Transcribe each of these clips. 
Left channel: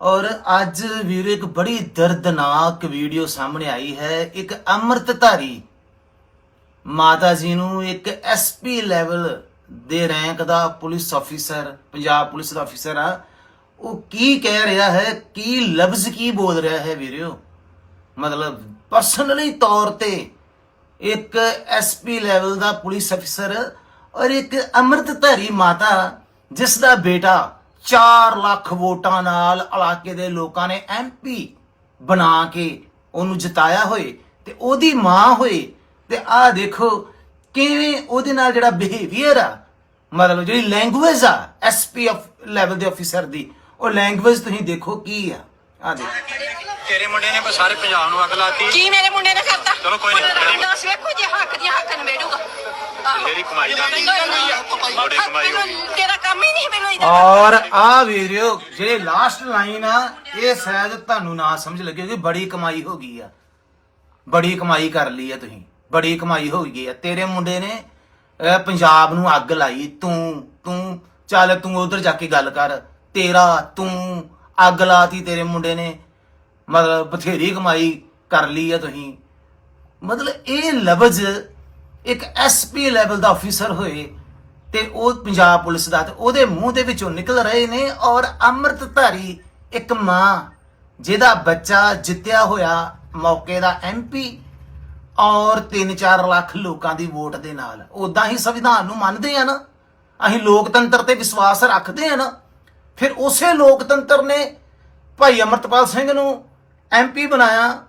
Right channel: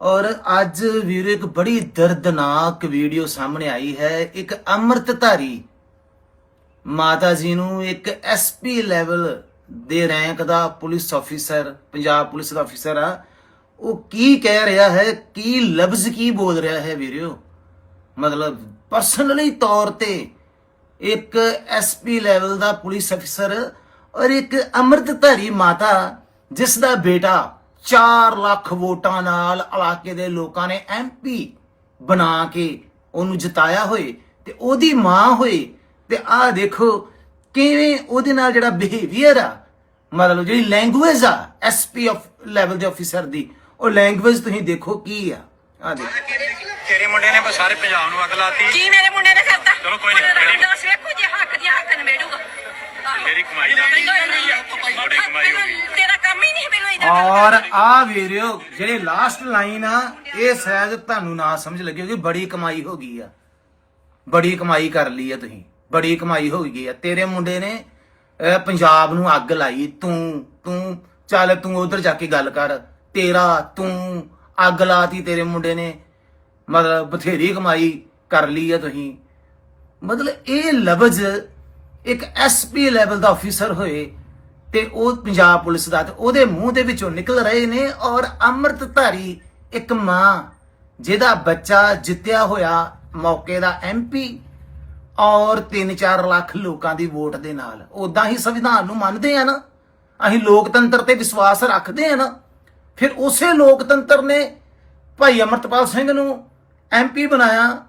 ਔਰ ਅੱਜ ਵੀਰ ਇੱਕ ਬੜੀ ਦਰਦਨਾਕ ਵੀਡੀਓ ਸਾਹਮਣੇ ਆਈ ਹੈ, ਇੱਕ ਅੰਮ੍ਰਿਤਧਾਰੀ ਮਾਤਾ ਜੀ ਨੂੰ ਇੱਕ ਐਸਪੀ ਲੈਵਲ ਦੇ ਰੈਂਕ ਦਾ ਪੁਲਿਸ ਅਫੀਸਰ ਪੰਜਾਬ ਪੁਲਿਸ ਦਾ ਅਫੀਸਰ ਆ। ਉਹ ਕੀ ਕਹਿ ਰਿਹਾ ਹੈ, ਕੀ ਲਫ਼ਜ਼ ਕੀ ਬੋਲ ਰਿਹਾ ਹੈ ਵੀਰਿਓ ਮਤਲਬ ਪਰਸਨਲੀ ਤੌਰ ਤੇ ਇੱਕ ਐਸਪੀ ਲੈਵਲ ਦਾ ਪੁਲਿਸ ਅਫੀਸਰ ਔਰ ਇੱਕ ਅੰਮ੍ਰਿਤਧਾਰੀ ਮਾਤਾ, ਜਿਸ ਦਾ ਬੇਟਾ 4 ਲੱਖ ਵੋਟਾਂ ਨਾਲ ਇਲਾਕੇ ਦੇ ਲੋਕਾਂ ਨੇ ਐਮਪੀ ਬਣਾ ਕੇ ਉਹਨੂੰ ਜਿਤਾਇਆ ਹੋਏ ਤੇ ਉਹਦੀ ਮਾਂ ਹੋਏ ਤੇ ਆਹ ਦੇਖੋ ਕਿਵੇਂ ਉਹਦੇ ਨਾਲ ਜਿਹੜਾ ਬਿਹੇਵੀਅਰ ਆ, ਮਤਲਬ ਜਿਹੜੀ ਲੈਂਗੁਏਜ ਆ ਐਸਪੀ ਆਫ ਲੈਵਲ ਦੇ ਅਫੀਸਰ ਦੀ, ਉਹ ਲੈਂਗੁਏਜ ਤੁਸੀਂ ਦੇਖੋ ਕੀ ਆ? ਆ ਦੇਖੋ ਤੇਰੇ ਮੁੰਡੇ ਨੇ ਬਸ ਸਾਰੇ ਪੰਜਾਬ ਨੂੰ ਅੱਗ ਲਾਤੀ। ਕੀ ਮੇਰੇ ਮੁੰਡੇ ਨੇ ਕਰਤਾ? ਚਲੋ ਕੋਈ ਨੀ, ਕੋਈ ਨੀ। ਦੱਸ ਵੇਖੋ ਜੇ ਹੱਕ ਦੀ ਹੱਕ ਨਵੇੜੂਗਾ ਤੇਰੀ ਕਮਾਈ ਦਾ ਬੜੀ ਕਮਾਈ ਹੋ ਗਈ। ਤੇਰਾ ਕੰਮ ਹੀ ਨਹੀਂ ਮੈਨੂੰ ਇਹਦਾ ਔਰ ਆ ਵੀਰਿਓ ਜਿਹੜੇ ਲਾਸਟ ਲਾਈਨ ਆ ਇਹ ਸ਼ਾਇਦ ਤੁਹਾਨੂੰ ਨਾ ਸਮਝ ਲੱਗੇ ਕਿ ਬੜੀ ਕਮਾਈ ਹੋ ਗਈ ਆ। ਬੜੀ ਕਮਾਈ ਕਰ ਲਈ ਆ ਤੁਸੀਂ। ਬੜੀ ਕਮਾਈ ਹੋ ਗਈ ਆ। ਤੇਰੇ ਮੁੰਡੇ ਨੇ ਅਹ, ਪੰਜਾਬ ਨੂੰ ਅੱਗ ਲਾਈ। ਤੂੰ ਤੂੰ ਚੱਲ ਤੂੰ ਉਧਰ ਜਾ ਕੇ ਗੱਲ ਕਰ। ਤੇਰਾ ਤੂੰ ਅੱਗ ਲਾਤੀ ਤੇਰੇ ਮੁੰਡੇ ਨੇ। ਮਤਲਬ ਬਥੇਰੀ ਕਮਾਈ ਕਰ ਲਈ ਹੈ ਤੁਸੀਂ। ਮਤਲਬ ਇਹ ਲਫ਼ਜ਼ ਇੱਕ ਐਸਪੀ ਲੈਵਲ ਦਾ ਅਫੀਸਰ ਹੋਏ ਤੇ ਉਹ ਪੰਜਾਬ ਪੁਲਿਸ ਦਾ ਤੇ ਉਹਦੇ ਮੂੰਹ ਦੇ ਵਿੱਚੋਂ ਨਿਕਲ ਰਹੇ ਨੇ ਔਰ ਅੰਮ੍ਰਿਤਧਾਰੀ ਇੱਕ ਮਾਂ ਜਿਹਦਾ ਬੱਚਾ ਜਿੱਤਿਆ ਹੋਇਆ ਮੌਕੇ ਦਾ ਐਮਪੀ ਔਰ 3-4 ਲੱਖ ਲੋਕਾਂ ਦੀ ਵੋਟ ਦੇ ਨਾਲ। ਉਦਾਂ ਹੀ ਸੰਵਿਧਾਨ ਨੂੰ ਮੰਨਦੇ ਆ ਨਾ। ਅਸੀਂ ਲੋਕਤੰਤਰ ਤੇ ਵਿਸ਼ਵਾਸ ਰੱਖਦੇ ਆ ਨਾ। ਫਿਰ ਉਸੇ ਲੋਕਤੰਤਰ ਨੇ ਭਾਈ ਅਮਰਤਪਾਲ ਸਿੰਘ ਨੂੰ ਐਮਪੀ ਬਣਾਇਆ।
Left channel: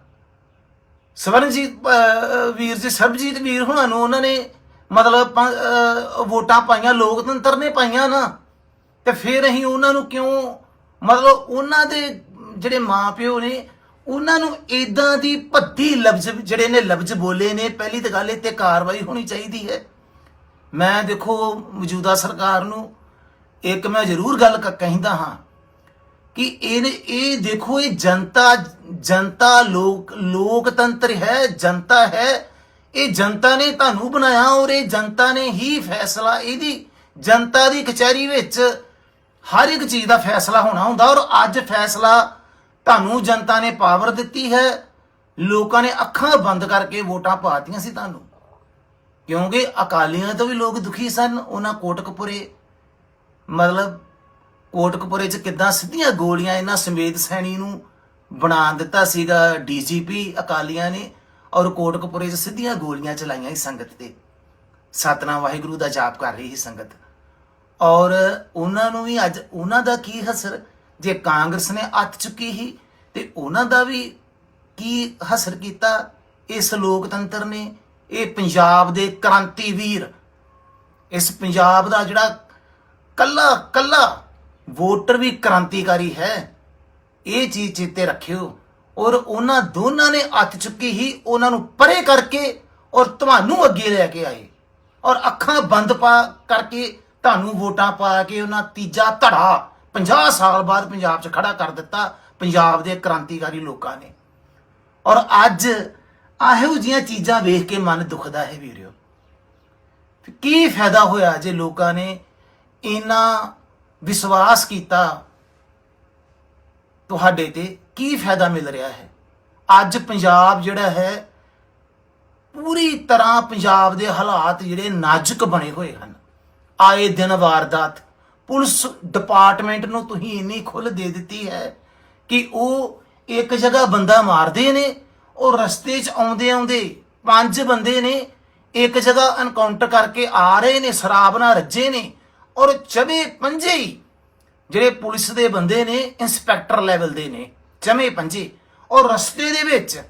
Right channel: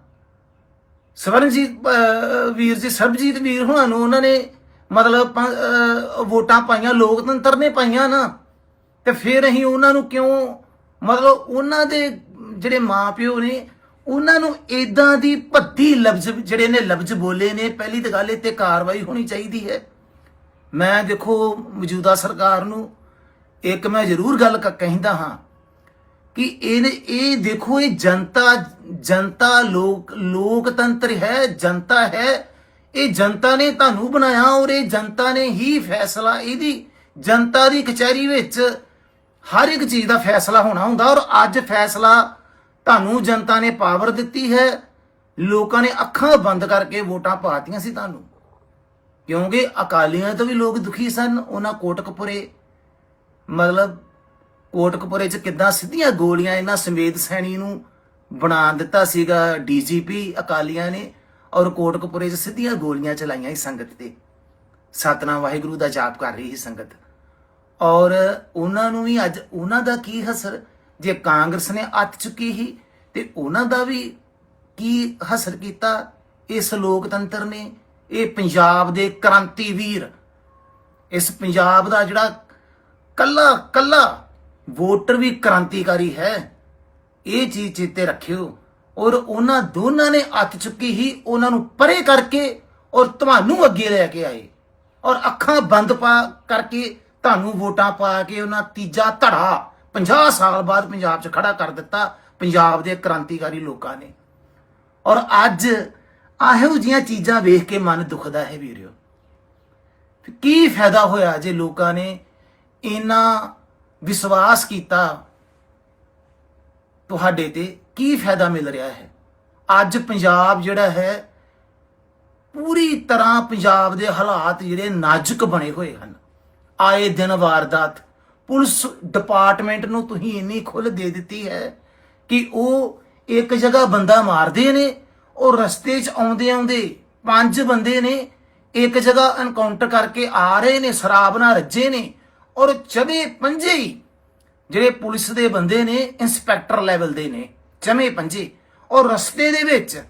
ਸਵਰਨਜੀਤ ਵੀਰ ਜੀ, ਸਰਬਜੀਤ ਵੀਰ ਹੁਣਾਂ ਨੂੰ ਉਹਨਾਂ ਨੇ ਮਤਲਬ ਵੋਟਾਂ ਪਾਈਆਂ, ਲੋਕਤੰਤਰ ਨੇ ਪਾਈਆਂ ਨਾ। ਤੇ ਫਿਰ ਅਸੀਂ ਉਹਨਾਂ ਨੂੰ ਕਿਉਂ ਮਤਲਬ ਉਹਨਾਂ ਦੇ ਜਿਹੜੇ ਮਾਪਿਓ ਨੇ, ਉਹਨਾਂ ਨੂੰ ਇਦਾਂ ਦੀ ਭੱਦੀ ਲਫ਼ਜ਼ ਜਿਹੜੇ ਨੇ ਲਫ਼ਜ਼ ਬੋਲੇ ਨੇ, ਪਹਿਲੀ ਤਾਂ ਗੱਲ ਇਹ ਤੇ ਕਾਰਵਾਈ ਹੋਣੀ ਚਾਹੀਦੀ ਹੈ। ਮੈਂ ਦੇਖੋ ਮੌਜੂਦਾ ਸਰਕਾਰ ਨੂੰ ਇੱਕ ਮੈਂ ਜ਼ਰੂਰ ਗੱਲ ਕ- ਕਹਿੰਦਾ ਹਾਂ ਕਿ ਇਹ ਇਹ ਦੇਖੋ, ਇਹ ਜਨਤਾ ਜਨਤਾ ਲੋਕ, ਲੋਕਤੰਤਰ ਹੈ, ਜਨਤਾ ਹੈ। ਇਹ ਜਨਤਾ ਨੇ ਤੁਹਾਨੂੰ ਬਣਾਇਆ ਔਰ ਇਹ ਜਨਤਾ ਨੇ ਹੀ ਫੈਸਲਾ ਇਹਦੀ। ਜਨਤਾ ਦੀ ਕਚਹਿਰੀ ਵਿੱਚ ਹਰ ਇੱਕ ਚੀਜ਼ ਦਾ ਫੈਸਲਾ ਹੋਣਾ ਹੁੰਦਾ ਔਰ ਅੱਜ ਫੈਸਲਾ ਤੁਹਾਨੂੰ ਜਨਤਾ ਨੇ ਪਾਵਰ ਦਿੱਤੀ ਹੈ। ਲੋਕਾਂ ਨੇ ਅੱਖਾਂ ਬੰਦ ਕਰਕੇ ਵੋਟਾਂ ਪਾਤੀਆਂ ਸੀ ਤੁਹਾਨੂੰ। ਕਿਉਂਕਿ ਅਕਾਲੀਆਂ ਤੋਂ ਵੀ ਲੋਕ ਦੁਖੀ ਸਨ, ਉਹਨਾਂ ਕੋਟਕਪੁਰੇ ਮਤਲਬ ਕੋਟਕਪੁਰੇ ਚ ਕਿੱਦਾਂ ਸਿੱਧੀਆਂ ਗੋਲੀਆਂ ਇਹਨਾਂ ਸਮੇਤ ਸੈਣੀ ਨੂੰ ਬਣਾ ਦਿੱਤਾ ਸੀਗਾ ਡੀਜੀਪੀ, ਅਕਾਲੀਆਂ ਨੇ ਔਰ ਕੋਟਕਪੁਰੇ ਚ ਸਿੱਧੀਆਂ ਗੋਲੀਆਂ ਚਲਾਈਆਂ ਸੀ ਸੰਗਤ ਤੇ। ਸਤਨਾਮ ਵਾਹਿਗੁਰੂ ਦਾ ਜਾਪ ਕਰ ਰਹੀ ਸੀ ਸੰਗਤ। ਔਰ ਉਹਨਾਂ ਨੂੰ ਵੀ ਅੱਜ ਉਹਨਾਂ ਦਾ ਕੀ ਹਸਰ? ਜੇ ਕਾਂਗਰਸ ਨੇ ਅੱਤ ਚੁੱਕੀ ਸੀ ਤੇ ਉਹਨਾਂ ਦਾ ਵੀ ਕੀ ਹਸਰ ਕੀਤਾ? ਇਸ ਲੋਕਤੰਤਰ ਨੇ, ਇਹ ਪੰਜਾਬ ਦੇ ਕ੍ਰਾਂਤੀਵੀਰ ਇਸ ਪੰਜਾਬ ਦਾ ਜਿਹੜਾ ਕੱਲਾ ਕੱਲਾ। ਵੋਟਰ ਵੀ ਕ੍ਰਾਂਤੀਕਾਰੀ ਹੈ। ਇਹ ਚੀਜ਼ ਚੇਤੇ ਰੱਖਿਓ। ਔਰ ਉਹਨਾਂ ਦੋਨਾਂ ਨੇ ਹੱਥ ਚੁੱਕੀ ਹੀ ਉਹਨਾਂ ਨੂੰ ਪਰੇ ਕਰਕੇ ਔਰ ਤੁਹਾਨੂੰ ਅੱਗੇ ਲੈ ਕੇ ਆਏ। ਔਰ ਅੱਖਾਂ ਬੰਦ ਪਾ ਕਰਕੇ ਤੁਹਾਨੂੰ ਵੋਟਾਂ ਪਾ ਕੇ ਉਹਨਾਂ ਤੀਜਾ ਧੜਾ 50 ਸਾਲ ਬਾਅਦ ਪੰਜਾਬ 'ਚ ਖੜਾ ਕਰ ਦਿੱਤਾ ਪੰਜਾਬ ਦੇ ਕ੍ਰਾਂਤੀਕਾਰੀ ਲੋਕਾਂ ਨੇ। ਔਰ ਅੱਜ ਆਹੋ ਜੀਆਂ ਚੀਜ਼ਾਂ ਵੇਖ ਕੇ ਮਨ ਦੁਖਦਾ ਹੈ ਵੀਰਿਓ ਕੀ ਫਾਇਦਾ ਹੋਇਆ ਜੇ ਲੋਕਾਂ ਨੇ ਇੰਨਾ ਵਿਸ਼ਵਾਸ ਕੀਤਾ ਤੁਹਾਡੇ ਤੇ ਕੀ ਫਾਇਦਾ ਮਿਲ ਰਿਹਾ ਹੈ? ਅੱਜ ਪੰਜਾਬ ਜਿਹੜਾ ਹੈ, ਪੂਰੀ ਤਰ੍ਹਾਂ ਪੰਜਾਬ ਦੇ ਹਾਲਾਤ ਜਿਹੜੇ ਨਾਜ਼ੁਕ ਬਣੇ ਹੋਏ ਹਨ। ਆਏ ਦਿਨ ਵਾਰਦਾਤ, ਪੁਲਿਸ ਡਿਪਾਰਟਮੈਂਟ ਨੂੰ ਤੁਸੀਂ ਇੰਨੀ ਖੁੱਲ੍ਹ ਦੇ ਦਿੱਤੀ ਹੈ ਕਿ ਉਹ ਇੱਕ ਜਗ੍ਹਾ ਬੰਦਾ ਮਾਰਦੇ ਨੇ, ਉਹ ਰਸਤੇ 'ਚ ਆਉਂਦੇ ਆਉਂਦੇ ਪੰਜ ਬੰਦੇ ਨੇ ਇੱਕ ਜਗ੍ਹਾ ਐਨਕਾਊਂਟਰ ਕਰਕੇ ਆ ਰਹੇ ਨੇ, ਸ਼ਰਾਬ ਨਾਲ ਰੱਜੇ ਨੇ ਔਰ ਚਵੇ ਪੰਜੇ ਜਿਹੜੇ ਪੁਲਿਸ ਦੇ ਬੰਦੇ ਨੇ, ਇੰਸਪੈਕਟਰ ਲੈਵਲ ਦੇ ਨੇ ਚਮੇ ਪੰਜੇ। ਔਰ ਰਸਤੇ ਦੇ ਵਿੱਚ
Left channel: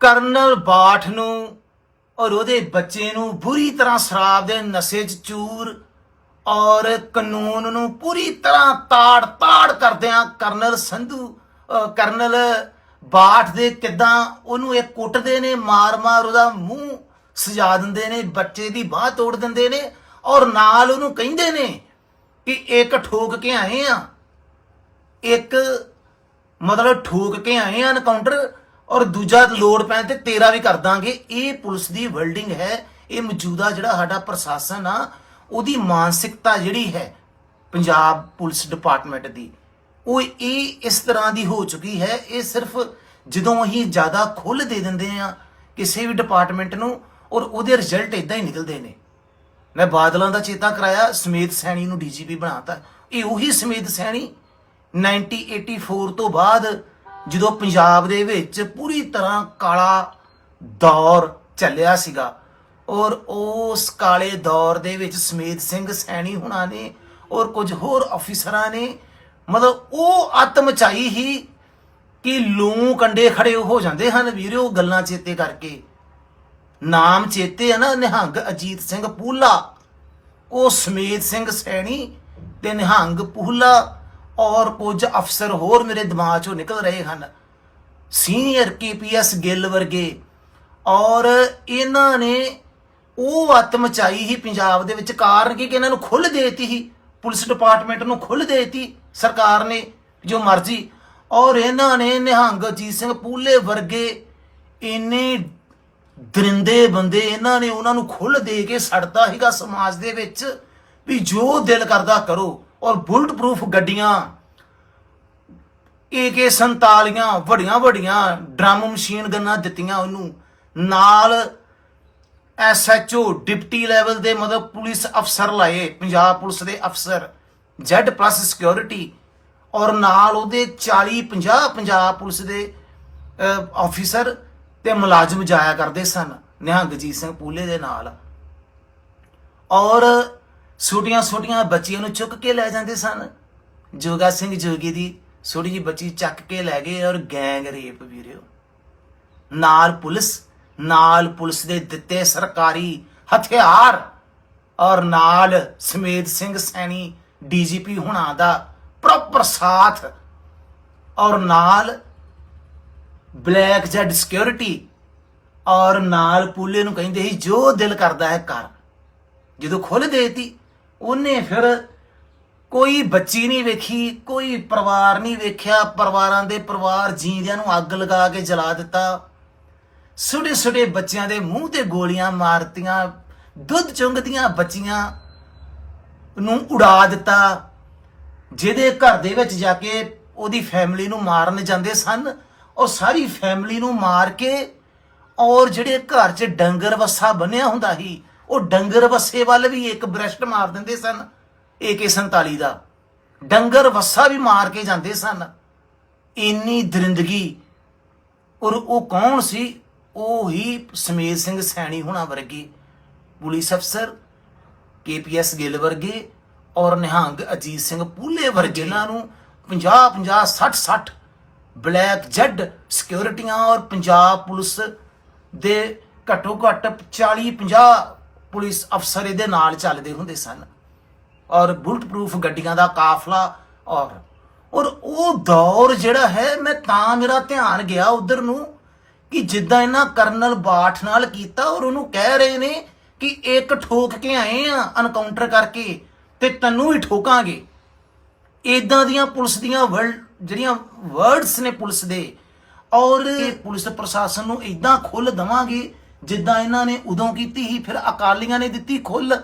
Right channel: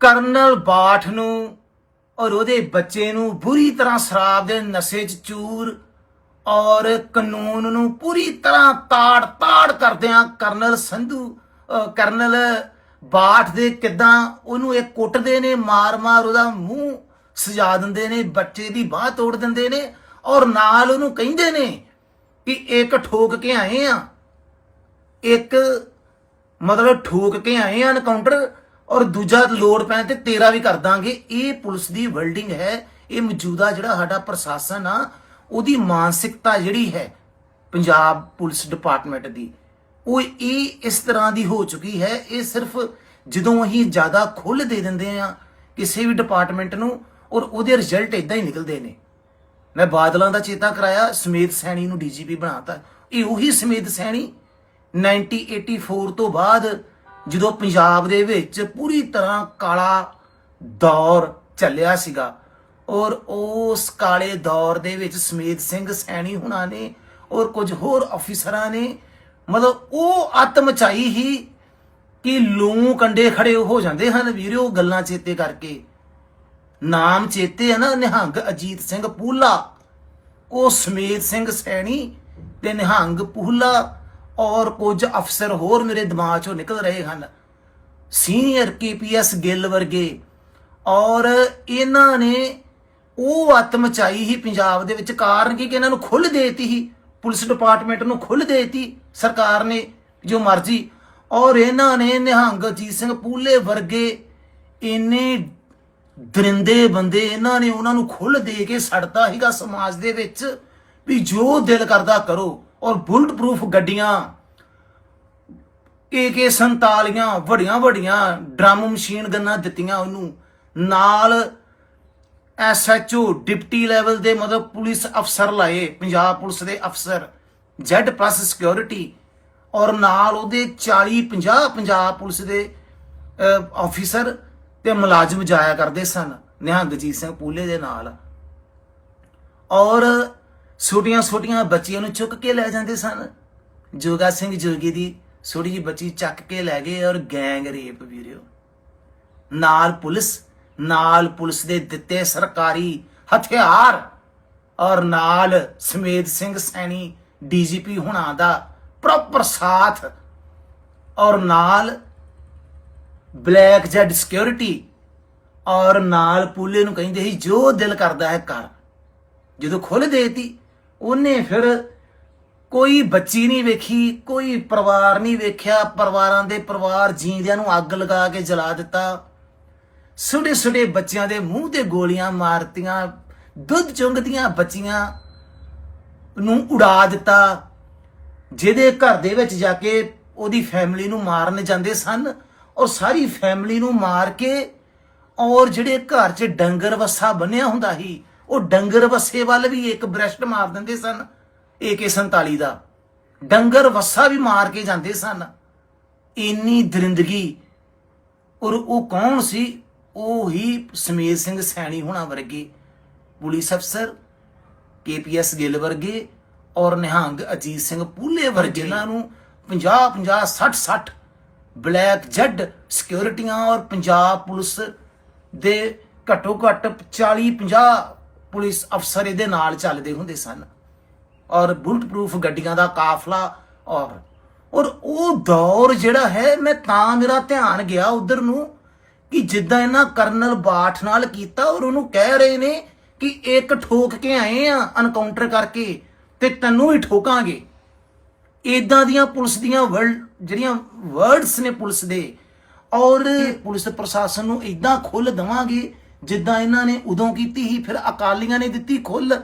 ਕਰਨਲ ਬਾਠ ਨੂੰ ਔਰ ਉਹਦੇ ਬੱਚੇ ਨੂੰ ਬੁਰੀ ਤਰ੍ਹਾਂ ਸ਼ਰਾਬ ਦੇ ਨਸ਼ੇ 'ਚ ਚੂਰ ਔਰ ਕਾਨੂੰਨ ਨੂੰ ਪੂਰੀ ਤਰ੍ਹਾਂ ਤਾੜ ਤਾੜ ਕਰਦਿਆਂ ਕਰਨਲ ਸੰਧੂ ਕਰਨਲ ਬਾਠ ਦੇ ਕਿਦਾਂ ਉਹਨੂੰ ਇਹ ਕੁੱਟਦੇ ਨੇ, ਮਾਰ-ਮਾਰ ਉਹਦਾ ਮੂੰਹ ਸਜਾ ਦਿੰਦੇ ਨੇ, ਬੱਚੇ ਦੀ ਬਾਹ ਤੋੜ ਦਿੰਦੇ ਨੇ ਔਰ ਨਾਲ ਉਹਨੂੰ ਕਹਿੰਦੇ ਨੇ ਕਿ ਇੱਕ ਠੋਕ ਕੇ ਆਏ ਆ। ਇੱਕ ਮਤਲਬ ਠੋਕ ਕੇ ਆਏ ਆ ਐਨਕਾਊਂਟਰ ਔਰ ਦੂਜਾ ਲੋੜ ਪੈਣ ਤੇ ਤੇਰਾ ਵੀ ਕਰ ਦਾਂਗੇ। ਇਹ ਪੁਲਿਸ ਦੀ ਵਰਲਡਿੰਗ ਹੈ। ਇਹ ਮੌਜੂਦਾ ਜਿਹੜਾ ਸਾਡਾ ਪ੍ਰਸ਼ਾਸਨ ਆ, ਉਹਦੀ ਮਾਨਸਿਕਤਾ ਜਿਹੜੀ ਹੈ ਪੰਜਾਬ ਪੁਲਿਸ ਡਿਪਾਰਟਮੈਂਟ ਦੀ, ਉਹ ਇਹ ਇਸ ਤਰ੍ਹਾਂ ਦੀ ਹੋ ਚੁੱਕੀ ਹੈ। ਇਹ ਸਿਰਫ ਜਦੋਂ ਅਸੀਂ ਜ਼ਿਆਦਾ ਖੁੱਲ ਦੇ ਦਿੰਦੇ ਆ ਕਿਸੇ ਵੀ ਡਿਪਾਰਟਮੈਂਟ ਨੂੰ ਔਰ ਉਹਦੇ ਰਿਜ਼ਲਟ ਇਦਾਂ ਹੀ ਨਿਕਲਦੇ ਨੇ। ਮੈਂ ਬਾਦਲਾਂ ਦਾ ਚੇਤਾ ਕਰਾਇਆ, ਸਮੇਤ ਸੈਣੀ ਨੂੰ ਡੀਜੀਪੀ ਬਣਾਤਾ। ਇਹ ਉਹੀ ਸਮੇਤ ਸੈਣੀ 1984 ਤੋਂ ਬਾਅਦ ਜਦੋਂ ਪੰਜਾਬ ਦੇ ਵਿੱਚ ਪੂਰੀ ਤਰ੍ਹਾਂ ਕਾਲਾ ਦੌਰ ਚੱਲਿਆ ਸੀਗਾ, ਔਰ ਉਸ ਕਾਲੇ ਦੌਰ ਦੇ ਵਿੱਚ ਸਮੇਤ ਸਿੰਘ ਸੈਣੀ ਹੁਣਾਂ ਨੇ ਔਰ ਕੁਝ ਹੋਰ ਅਫੀਸਰਾਂ ਨੇ, ਮਤਲਬ ਉਹ ਆਤਮ ਚਾਈ ਹੀ ਕਿ ਲੂ ਕੰਡੇ ਖੜੇ ਹੋ ਜਾਂਦੇ ਹਨ। ਵੀਰੋ ਗੱਲਾਂ ਚੇਤੇ ਕਰਕੇ ਨਾਮ ਚੇਤੇ ਆ ਨਾ ਨਿਹੰਗ ਅਜੀਤ ਸਿੰਘ ਪੂਲਾ। ਉਹ ਸਮੇਤ ਸਿੰਘ ਸੈਣੀ ਤੇ ਨਿਹੰਗ ਪੂਲਾ ਔਰ ਕੁਝ ਅਫਸਰ ਹੋਰ ਮੇਰੇ ਦਿਮਾਗ ਚੋਂ ਨਿਕਲ ਰਹੇ ਹਨ। ਸੀਨੀਅਰ ਕੇਪੀਐਸ ਗਿੱਲ ਵਰਗੇ। ਔਰ ਇਹਨਾਂ ਨੇ ਉਹ ਆਤਮ ਚਾਈ ਹੀ ਪੰਜਾਬ ਦੇ ਵਿੱਚ ਕਾਰਨ ਕੀ ਕਿ ਇਹਨਾਂ ਨੂੰ ਖੁੱਲ ਦੇਤੀ ਹੀ ਪੁਲਿਸ ਡਿਪਾਰਟਮੈਂਟ ਨੂੰ ਖੁੱਲ ਦੇਤੀ ਸਰਕਾਰ ਨੇ, ਜੋ ਮਰਜ਼ੀ। ਔਰ ਇਹਨਾਂ ਨੇ ਨਿਹੰਗ ਅਜੀਤ ਸਿੰਘ ਪੂਲੇ ਵਰਗੇ ਇੰਨੇ ਦਰਿੰਦੇ ਬੰਦੇ ਇਹਨਾਂ ਨੇ ਉਹਨਾਂ ਨੂੰ ਖੁੱਲ ਦੇ ਕੇ ਸੜਦਾ ਹੀਗਾ ਸਮਾਜ ਦੇ ਵਿੱਚ ਵੀ ਜੋ ਦਿਲ ਕਰਦਾ ਕਰੋ ਔਰ ਬੁਲਟ ਪ੍ਰੂਫ ਗੱਡੀਆਂ ਏਕੇ 47 ਵੱਡੀਆਂ ਵੱਡੀਆਂ ਡਰਮ ਮਸ਼ੀਨ ਗੰਨਾਂ ਦਿੱਤੀਆਂ ਉਹਨੂੰ। ਨਾਲ ਐਸਐਚਓ ਡਿਪਟੀ ਲੈਵਲ ਦੇ ਮਤਲਬ ਪੁਲਿਸ ਅਫਸਰ ਲਾਏ, ਪੰਜਾਬ ਪੁਲਿਸ ਦੇ ਅਫਸਰ, ਜ਼ੈਡ ਪਲੱਸ ਸਿਕਿਉਰਿਟੀ ਔਰ ਨਾਲ ਉਹਦੇ 40 50 ਪੰਜਾਬ ਪੁਲਿਸ ਦੇ ਆਫੀਸਰ ਤੇ ਮੁਲਾਜ਼ਮ ਜਾਇਆ ਕਰਦੇ ਸਨ, ਨਿਹੰਗਜੀਤ ਸਿੰਘ ਪੂਲੇ ਦੇ ਨਾਲ। ਔਰ ਛੋਟੀਆਂ ਛੋਟੀਆਂ ਬੱਚੀਆਂ ਨੂੰ ਚੁੱਕ ਕੇ ਲੈ ਜਾਂਦੇ ਸਨ। ਜੋਗਾ ਸਿੰਘ ਜੋਗੀ ਦੀ ਛੋਟੀ ਜਿਹੀ ਬੱਚੀ ਚੱਕ ਕੇ ਲੈ ਗਏ ਔਰ ਗੈਂਗ ਰੇਪ ਵੀਰਿਓ। ਨਾਲ ਪੁਲਿਸ ਨਾਲ ਪੁਲਿਸ ਦੇ ਦਿੱਤੇ ਸਰਕਾਰੀ ਹਥਿਆਰ ਔਰ ਨਾਲ ਸਮੇਤ ਸਿੰਘ ਸੈਣੀ ਡੀਜੀਪੀ ਹੁਣਾਂ ਦਾ ਪ੍ਰੋਪਰ ਸਾਥ ਔਰ ਨਾਲ ਬਲੈਕ ਜੈਡ ਸਿਕਿਉਰਿਟੀ ਔਰ ਨਾਲ ਪੂਲੇ ਨੂੰ ਕਹਿੰਦੇ ਸੀ, ਜੋ ਦਿਲ ਕਰਦਾ ਹੈ ਕਰ। ਜਦੋਂ ਖੁੱਲ ਦੇਤੀ, ਉਹਨੇ ਫਿਰ ਕੋਈ ਬੱਚੀ ਨਹੀਂ ਵੇਖੀ, ਕੋਈ ਪਰਿਵਾਰ ਨਹੀਂ ਵੇਖਿਆ। ਪਰਿਵਾਰਾਂ ਦੇ ਪਰਿਵਾਰ ਜੀਂਦਿਆਂ ਨੂੰ ਅੱਗ ਲਗਾ ਕੇ ਜਲਾ ਦਿੱਤਾ। ਛੋਟੇ ਛੋਟੇ ਬੱਚਿਆਂ ਦੇ ਮੂੰਹ ਤੇ ਗੋਲੀਆਂ ਮਾਰਤੀਆਂ, ਦੁੱਧ ਚੁੰਗਦੀਆਂ ਬੱਚੀਆਂ ਨੂੰ ਉਡਾ ਦਿੱਤਾ। ਜਿਹਦੇ ਘਰ ਦੇ ਵਿੱਚ ਜਾ ਕੇ ਉਹਦੀ ਫੈਮਿਲੀ ਨੂੰ ਮਾਰਨ ਜਾਂਦੇ ਸਨ। ਉਹ ਸਾਰੀ ਫੈਮਿਲੀ ਨੂੰ ਮਾਰ ਕੇ ਔਰ ਜਿਹੜੇ ਘਰ 'ਚ ਡੰਗਰ ਵੱਸਾ ਬੰਨਿਆ ਹੁੰਦਾ ਸੀ ਉਹ ਡੰਗਰ ਵੱਸੇ ਵੱਲ ਵੀ ਇੱਕ ਬ੍ਰੈਸਟ ਮਾਰ ਦਿੰਦੇ ਸਨ AK47 ਦਾ। ਡੰਗਰ ਵੱਸਾ ਵੀ ਮਾਰ ਕੇ ਜਾਂਦੇ ਸਨ। ਇੰਨੀ ਦਰਿੰਦਗੀ ਔਰ ਉਹ ਕੌਣ ਸੀ? ਉਹ ਹੀ ਸਮੇਤ ਸਿੰਘ ਸੈਣੀ ਹੋਣਾ ਵਰਗੇ ਪੁਲਿਸ ਅਫਸਰ ਕੇਪੀਐਸ ਗਿੱਲ ਵਰਗੇ ਔਰ ਨਿਹੰਗ ਅਜੀਤ ਸਿੰਘ ਪੂਲੇ ਵਰਗੇ ਜਿਨ੍ਹਾਂ ਨੂੰ 50 50 60 60 ਬਲੈਕ ਜੈਡ ਸਿਕਿਉਰਿਟੀਆਂ ਔਰ ਪੰਜਾਬ ਪੁਲਿਸ ਦੇ ਘੱਟੋ ਘੱਟ 40 50 ਪੁਲਿਸ ਅਫਸਰ ਇਹਦੇ ਨਾਲ ਚੱਲਦੇ ਹੁੰਦੇ ਸਨ। ਔਰ ਬੁਲਟ ਪ੍ਰੂਫ ਗੱਡੀਆਂ ਦਾ ਕਾਫਲਾ ਔਰ ਔਰ ਉਹ ਦੌਰ ਜਿਹੜਾ ਹੈ, ਮੈਂ ਤਾਂ ਮੇਰਾ ਧਿਆਨ ਗਿਆ ਉਧਰ ਨੂੰ ਕਿ ਜਿੱਦਾਂ ਇਹਨਾਂ ਕਰਨਲ ਬਾਠ ਨਾਲ ਕੀਤਾ ਔਰ ਉਹਨੂੰ ਕਹਿ ਰਹੇ ਨੇ ਕਿ ਇੱਕ ਠੋਕ ਕੇ ਆਏ ਆ ਅਨਕਾਊਂਟਰ ਕਰਕੇ ਤੇ ਤੈਨੂੰ ਵੀ ਠੋਕਾਂਗੇ। ਇਦਾਂ ਦੀਆਂ ਪੁਲਿਸ ਦੀਆਂ ਵਰਡ ਜਿਹੜੀਆਂ ਵਰਡਸ ਨੇ ਪੁਲਿਸ ਦੇ ਔਰ ਪੁਲਿਸ ਪ੍ਰਸ਼ਾਸਨ ਨੂੰ ਇਦਾਂ ਖੁੱਲ ਦਵਾਂਗੇ ਜਿੱਦਾਂ ਇਹਨਾਂ ਨੇ ਉਦੋਂ ਕੀਤੀ ਸੀ ਫਿਰ ਅਕਾਲੀਆਂ ਨੇ ਦਿੱਤੀ ਖੁੱਲ।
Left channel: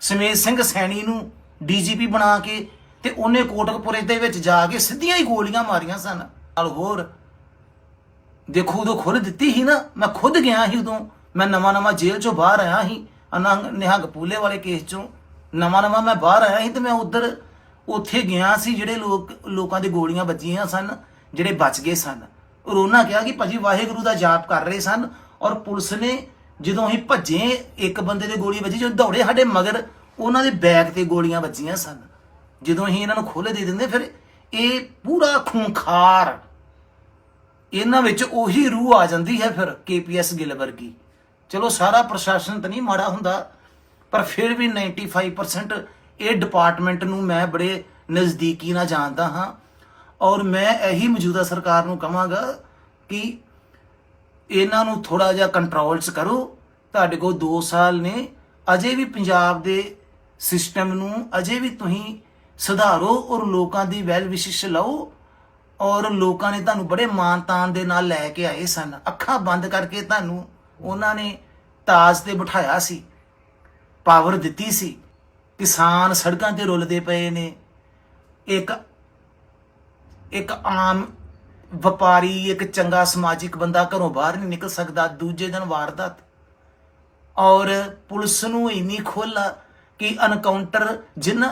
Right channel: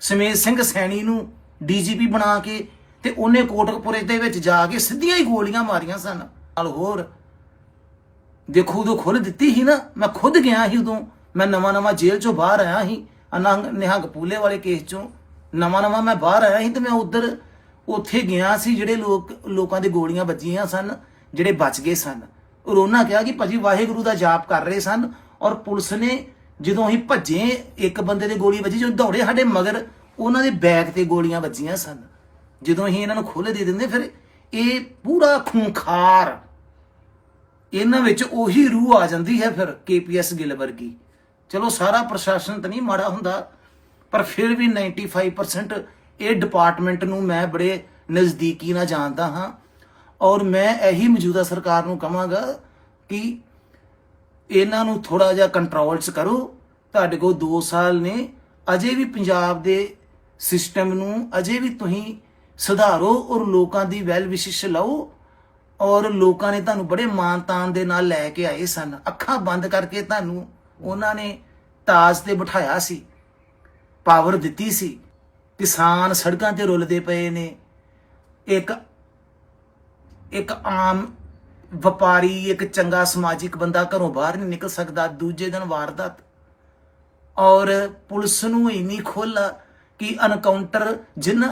ਸਮੇਤ ਸਿੰਘ ਸੈਣੀ ਨੂੰ ਡੀਜੀਪੀ ਬਣਾ ਕੇ ਤੇ ਉਹਨੇ ਕੋਟਕਪੁਰੇ ਦੇ ਵਿੱਚ ਜਾ ਕੇ ਸਿੱਧੀਆਂ ਹੀ ਗੋਲੀਆਂ ਮਾਰੀਆਂ ਸਨ। ਨਾਲ ਹੋਰ ਦੇਖੋ ਉਦੋਂ ਖੁੱਲ ਦਿੱਤੀ ਸੀ ਨਾ ਮੈਂ ਖੁਦ ਗਿਆ ਸੀ ਉਦੋਂ ਮੈਂ ਨਵਾਂ ਨਵਾਂ ਜੇਲ੍ਹ ਚੋਂ ਬਾਹਰ ਆਇਆ ਸੀ ਅਨੰਗ ਨਿਹੰਗ ਪੂਲੇ ਵਾਲੇ ਕੇਸ ਚੋਂ। ਨਵਾਂ ਨਵਾਂ ਮੈਂ ਬਾਹਰ ਆਇਆ ਸੀ ਤੇ ਮੈਂ ਉਧਰ ਉੱਥੇ ਗਿਆ ਸੀ ਜਿਹੜੇ ਲੋਕ, ਲੋਕਾਂ ਦੇ ਗੋਲੀਆਂ ਵੱਜੀਆਂ ਸਨ, ਜਿਹੜੇ ਬਚ ਗਏ ਸਨ। ਔਰ ਉਹਨਾਂ ਕਿਹਾ ਕਿ ਭਾਜੀ ਵਾਹਿਗੁਰੂ ਦਾ ਜਾਪ ਕਰ ਰਹੇ ਸਨ ਔਰ ਪੁਲਿਸ ਨੇ ਜਦੋਂ ਅਸੀਂ ਭੱਜੇ, ਇੱਕ ਬੰਦੇ ਦੇ ਗੋਲੀ ਵੱਜੀ, ਜਦੋਂ ਦੌੜੇ ਸਾਡੇ ਮਗਰ, ਉਹਨਾਂ ਦੇ ਬੈਕ ਤੇ ਗੋਲੀਆਂ ਵੱਜੀਆਂ ਸਨ। ਜਦੋਂ ਅਸੀਂ ਇਹਨਾਂ ਨੂੰ ਖੋਲੇ ਦੇ ਦਿੰਦੇ, ਫਿਰ ਇਹ ਪੂਰਾ ਖੂੰਖਾਰ, ਇਹਨਾਂ ਵਿੱਚ ਉਹੀ ਰੂਹ ਆ ਜਾਂਦੀ ਹੈ ਫਿਰ ਕੇਪੀਐਸ ਗਿੱਲ ਵਰਗੀ। ਚਲੋ ਸਾਰਾ ਪ੍ਰਸ਼ਾਸਨ ਤਾਂ ਨਹੀਂ ਮਾੜਾ ਹੁੰਦਾ, ਪਰ ਫਿਰ ਵੀ 95% ਇਹ ਡਿਪਾਰਟਮੈਂਟ ਨੂੰ ਮੈਂ ਬੜੇ ਨਜ਼ਦੀਕੀ ਨਾਲ ਜਾਣਦਾ ਹਾਂ ਔਰ ਮੈਂ ਇਹੀ ਮੌਜੂਦਾ ਸਰਕਾਰ ਨੂੰ ਕਹਾਂਗਾ ਕਿ ਇਹਨਾਂ ਨੂੰ ਥੋੜਾ ਜਿਹਾ ਕੰਟਰੋਲ 'ਚ ਕਰੋ। ਤੁਹਾਡੇ ਕੋਲ 2 ਸਾਲ ਨੇ। ਅਜੇ ਵੀ ਪੰਜਾਬ ਦੇ ਸਿਸਟਮ ਨੂੰ ਅਜੇ ਵੀ ਤੁਸੀਂ ਸੁਧਾਰੋ ਔਰ ਲੋਕਾਂ ਦੀ ਵੈਲ ਵਿਸ਼ਿਸ਼ ਲਓ ਔਰ ਲੋਕਾਂ ਨੇ ਤੁਹਾਨੂੰ ਬੜੇ ਮਾਨਤਾਨ ਦੇ ਨਾਲ ਲੈ ਕੇ ਆਏ ਸਨ। ਅੱਖਾਂ ਬੰਦ ਕਰਕੇ ਤੁਹਾਨੂੰ ਉਹਨਾਂ ਨੇ ਤਾਜ ਤੇ ਬਿਠਾਇਆ ਸੀ ਪਾਵਰ ਦਿੱਤੀ ਸੀ। ਕਿਸਾਨ ਸੜਕਾਂ ਤੇ ਰੁਲਦੇ ਪਏ ਨੇ। ਇੱਕ ਇੱਕ ਆਮ ਵਪਾਰੀ, ਇੱਕ ਚੰਗਾ ਸਮਾਜਿਕ ਬੰਦਾ ਘਰੋਂ ਬਾਹਰ ਨਹੀਂ ਨਿਕਲ ਸਕਦਾ, ਦੂਜੇ ਦਿਨ ਵਾਰਦਾਤ। ਔਰ ਪੁਲਿਸ ਨੂੰ ਇੰਨੀ ਖੁੱਲ ਆ ਕਿ ਅਨਕਾਊਂਟਰ, ਜਿਨ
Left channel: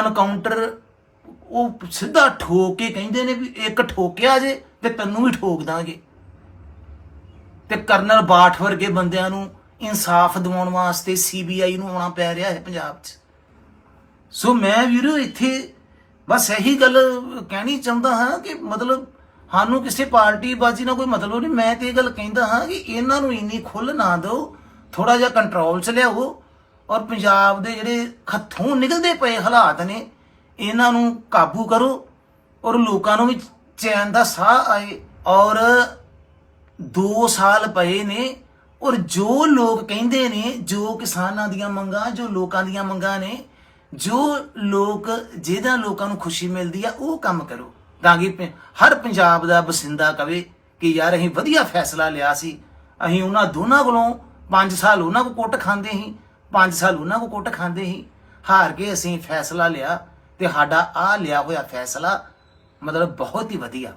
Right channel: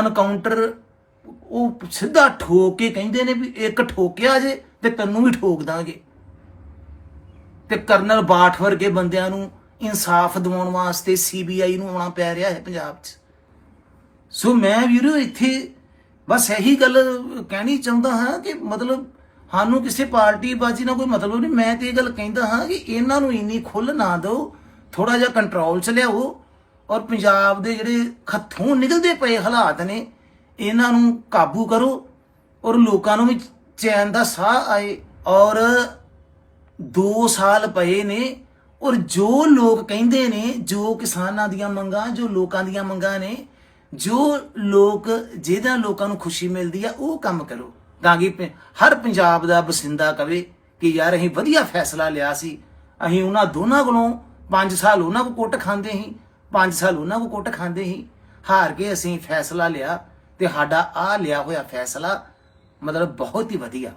ਅਨਕਾਊਂਟਰ, ਉਹ ਸਿੱਧਾ ਠੋਕ ਕੇ ਕਹਿੰਦੇ ਨੇ ਵੀ ਇੱਕ ਠੋਕਿਆ ਜੇ ਤੇ ਤੈਨੂੰ ਵੀ ਠੋਕ ਦਾਂਗੇ। ਤੇ ਕਰਨਲ ਬਾਠ ਵਰਗੇ ਬੰਦਿਆਂ ਨੂੰ ਇਨਸਾਫ ਦਿਵਾਉਣ ਵਾਸਤੇ ਸੀਬੀਆਈ ਨੂੰ ਆਉਣਾ ਪੈ ਰਿਹਾ ਹੈ ਪੰਜਾਬ 'ਚ। ਸੋ ਮੈਂ ਵੀਰੋ ਇੱਥੇ ਬਸ ਇਹੀ ਗੱਲ ਕਹਿਣੀ ਚਾਹੁੰਦਾ ਹਾਂ ਕਿ ਮਤਲਬ ਸਾਨੂੰ ਕਿਸੇ ਪਾਰਟੀ ਬਾਜੀ ਨਾਲ ਕੋਈ ਮਤਲਬ ਨਹੀਂ। ਮੈਂ ਤੇ ਇਹ ਗੱਲ ਕਹਿੰਦਾ ਹਾਂ ਕਿ ਇਹਨਾਂ ਨੂੰ ਇੰਨੀ ਖੁੱਲ ਨਾ ਦਿਓ ਥੋੜਾ ਜਿਹਾ ਕੰਟਰੋਲ 'ਚ ਲਿਆਓ ਔਰ ਪੰਜਾਬ ਦੇ ਜਿਹੜੇ ਖੱਥੋਂ ਨਿਕਲਦੇ ਪਏ ਹਾਲਾਤ ਨੇ, ਇਹਨਾਂ ਨੂੰ ਕਾਬੂ ਕਰੋ ਔਰ ਲੋਕਾਂ ਨੂੰ ਵੀ ਚੈਨ ਦਾ ਸਾਹ ਆਏ ਔਰ 2 ਸਾਲ ਪਏ ਨੇ ਔਰ ਜੋ ਲੋਕ ਕਹਿੰਦੇ ਨੇ, ਜੋ ਕਿਸਾਨਾਂ ਦੀਆਂ ਮੰਗਾਂ, ਜੋ ਲੋਕਾਂ ਦੀਆਂ ਮੰਗਾਂ ਨੇ ਜੋ ਲੋਕ, ਜਿਹਦਾ ਲੋਕਾਂ ਨੂੰ ਖੁਸ਼ੀ ਮਿਲਦੀ ਆ, ਉਹ ਕੰਮ ਕਰੋ। ਤਾਂ ਕਿ ਹਰ ਪੰਜਾਬ ਦਾ ਵਸਿੰਦਾ ਕਵੇ ਕਿ ਯਾਰ ਅਸੀਂ ਵਧੀਆ ਫੈਸਲਾ ਲਿਆ ਸੀ। ਅਸੀਂ ਉਹਨਾਂ ਦੋਨਾਂ ਕੋਲੋਂ 5 ਸਾਲ ਉਹਨਾਂ ਕੋ ਕੁੱਟ ਖਾਂਦੇ ਸੀ। 5 ਸਾਲ ਉਹਨਾਂ ਕੋ ਕੁੱਟ ਖਾਂਦੇ ਸੀ। ਹਾਰ ਕੇ ਅਸੀਂ ਫੈਸਲਾ ਲਿਆ ਤੇ ਸਾਡਾ ਆ ਲਿਆ ਹੋਇਆ ਫੈਸਲਾ ਮਤਲਬ ਬਹੁਤ ਹੀ ਵਧੀਆ।